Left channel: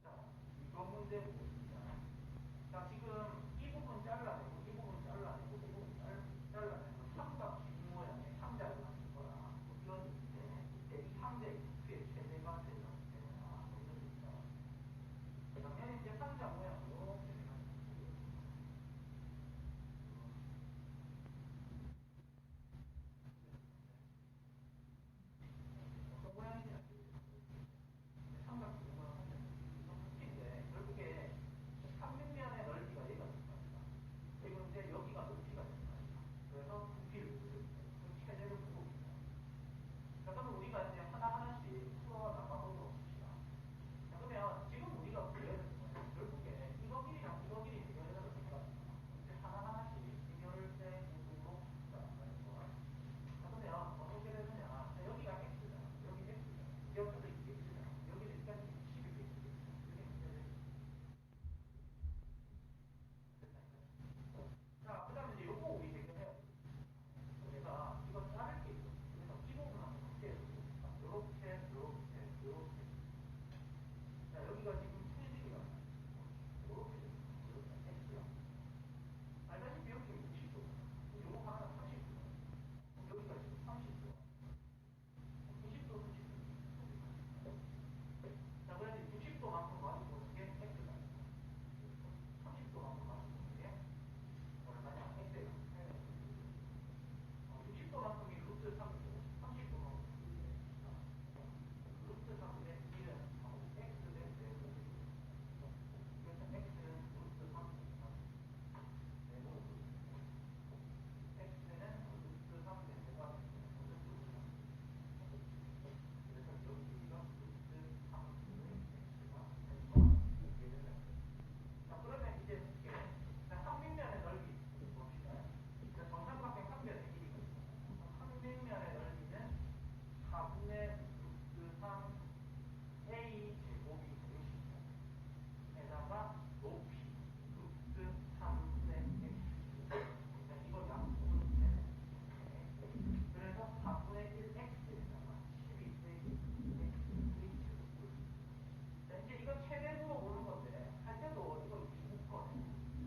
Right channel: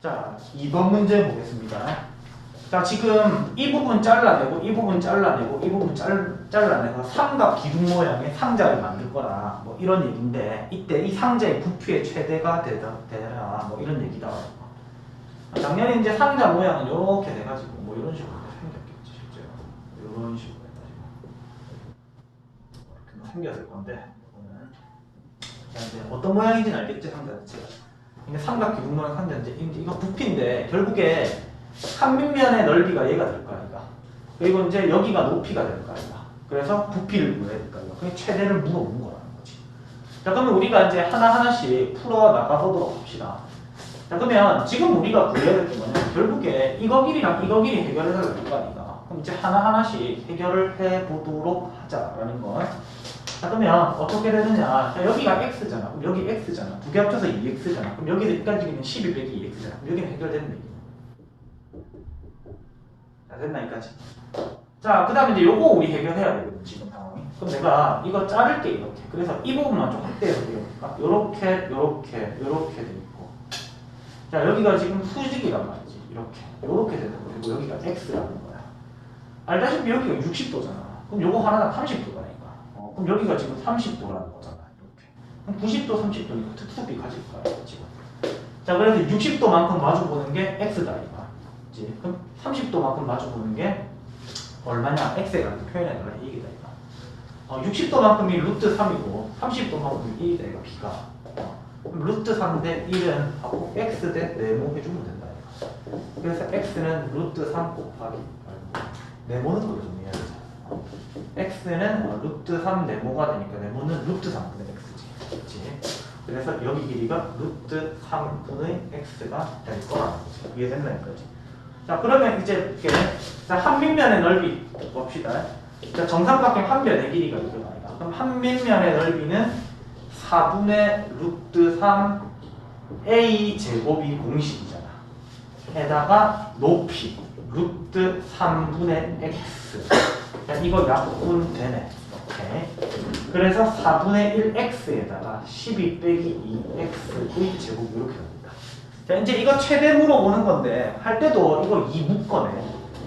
자, 2번 문제 보겠습니다. 자, 지금 이 부분 잘라내고 이 부분 잘라내고 이 부분 잘, 잘라내서 삼각 기둥 모양의 상자를 만들 거라. 뭐 이런 얘기인데 이때 이 상자의 부피의 최대가 되다, 되라. 뭐 이런 얘기다. 작년에 이제 상자 모양은 이렇게 돼가지고 뭐 이런 식으로 생겼겠지 실제로. 이런 식으로 해가지고. 생겼을 건데 이거는. 자, 이제 어떤 모양인지는 알겠지 상자 자체가 삼각 기둥 모양 상자인데 이제 이거 부피인데 결국에 한 밑면의 넓이가 얘가 될거 아이가. 그리고 이제 여기가 높이가 될거 아이가. 그래서 부피를 구해야 될거 아이가. 그게 최대를 물어본 거라는 거지. 자 그러면 우리가 이제 하나 하나씩 풀어 나가보도록 합시다. 자 그러면 지금 우리가 구해야 될게 뭐냐면 결국에 이거 길이랑 이거 길이 해결을 해야 될 거 아이가. 그럼 이제 하나 하나씩 해결을 해보도록 하자라는 거 자, 그러면 어떻게 되느냐? 자, 여기가 x잖아. 그럼 여기 x잖아. 두 개 합쳐서 2x잖아. 그럼 여기까지는 12 빼기 2x잖아. 그럼 여기는 해결되는 얘기 자 됐나 여기까지? 자그 다음에 이제 요거 우리 해결해야 되거든 지금 상황이. 그럼 내가 이거 자를게 이렇게. 그래서 이 부분만 좀 확대해서 그려볼까? 요렇게 요렇게 요렇게 돼 있고. 자 여기가 지금 수직이란 말이지. 이렇게. 요렇게 거 그리고 여기가 x라는 거야. 알다시피 여기가 60도잖아. 그럼 요거 하나당 30도가니까 어, 그럼 여기가 지금 30도라는 거잖아 이렇게. 그럼 90도 30도니까 특수비 가질 거야 지금. 자 그래서 60도만큼 마주보는 게 x다 이거 그치? 그럼 30도만큼 마주보는 게 얼마냐? x에 관한 표현해달라 이게 다 이거 어, 60도만큼이 루트 3이고 30도만큼이 1이다 이거 b가. 어, 그럼 루트 3 대 1은 하고 x 대 네모 해주면 된다 이거 그래서 x는 루트 3 곱하기 네모는 이해해야 되잖아 어, x는 어, 루트 3 네모가 되니까 네모는 루트 3분의 x지. 그치? 그래서 여기 길이가 루트 3분의 x가 될 거라 이해됐나 이거지? 자 그러면 이제 이렇게 자 한밑면의 넓이 봅시다. 자 정삼각형 한 면의 길이가 이거 아니다. 그럼 한밑면의 넓이는 4분의 루트 3 a 제곱이 공식이잖아. 에다가 높이 루트 3분의 x 자 이거 약분 되네. 이렇게 그래서 4분의 1x에다가 12 빼기 2x의 제곱 이렇게 됩니다. 자 이제 이거 최대 물어보는 건데 할 때도 이거 2 묶어내.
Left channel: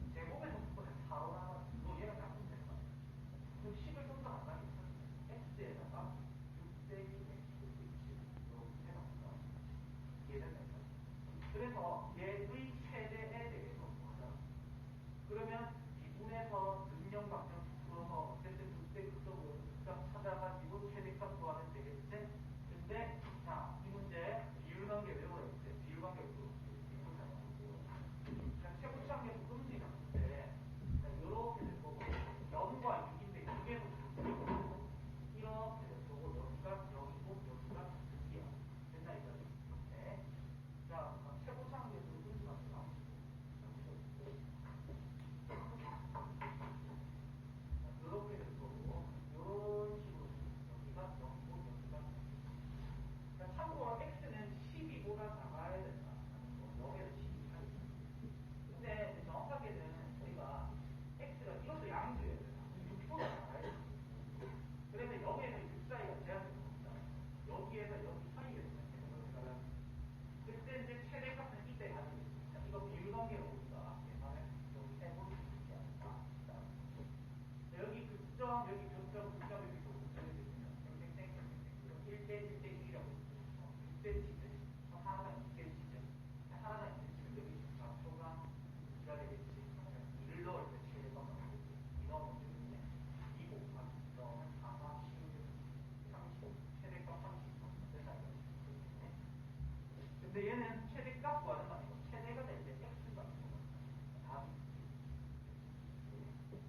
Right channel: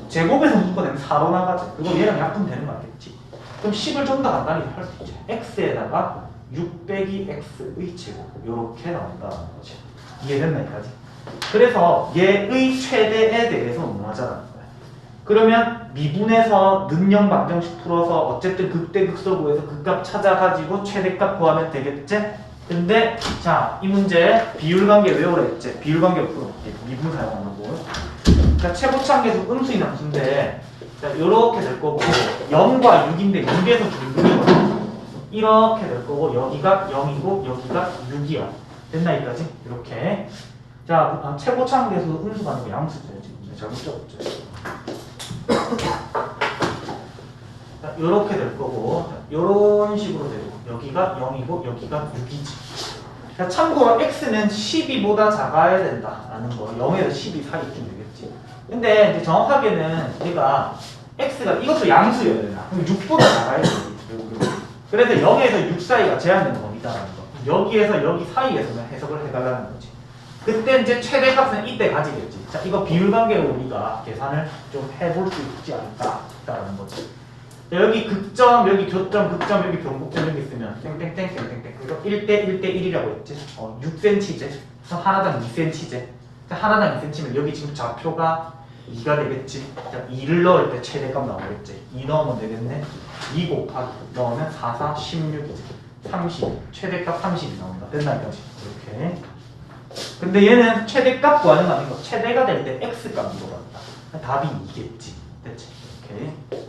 제곱에서 묶어내면 4로 나가지 그거 얘랑 약분 되는 거 알겠지? 그럼 10을 좀 더 간단히 할 수 있지. x에다가 6 빼기 x의 제곱. 이렇게 나온다는 거지 이해됐나 여기까지? 그래서 얘의 최대에 대해서 논하자는 거야. 그러면 미분에서 능령 방정식 풀어서 어쨌든 극대극소 구해서 극값 찾아가지고 최대값 구하면 되겠지? 근데 자 이 문제 비율관계 외우라 했지? 비율관계 풀어볼게 미분 사용하는 거 자, 최고창계수 음수인 함수인데 자, 요렇게 될 거고 0과 6인데 6에서 중근이거든 이렇게 될 거고 여기가 0이고 여기가 6이야 됐나 여기까지? 이렇게 자 아, 최고창계수 음수가 아니고 양수죠 지금 네, 잘못 적었죠 자, 요렇게 될 거고 자, 요런 식으로 되고 여기가 0이고 여기가 6이지. 자, 참고로 x는 12보다 작아야 된다라는 거 0에서 12 사이쯤 되겠지. 근데 이제 정확하게는 얘가 x가 이것도 양수여야 되나 그럼 6보다 작아야 돼 그래서 0에서 6 사이가 제한된 범위다라는 거. 여기에서 여기 사이에서만 해석을 해달라는 거지 그때 이제 최대값은 이때 가지겠지. 자 이거 비율 관계로 우리가 계산을 좀 해볼 수 있지 않을까라는 거지. 자, 여기 극점, 여기 교점, 극점, 여기 변곡점 여기 있으면 땡땡땡 땡땡땡. 이거 1대 1대 1이라고 했지. 어 6cm제. 그래서 하나당 2cm제. 하나당 2cm면 여기 지금 좌표가 2가 되겠지. 자 2를 넣을 때 최대값 나오겠지. 2 넣으면 되겠네. 2 곱하기 넣으면 4, 4, 16이지. 30 최대값 30이 나온다. 됐나 이거지. 이렇게 근데 얘는 최대값 구하는 거 아니고 최대가 될 때 x값 물어봤다. 답이 2겠지. 됐지 이렇게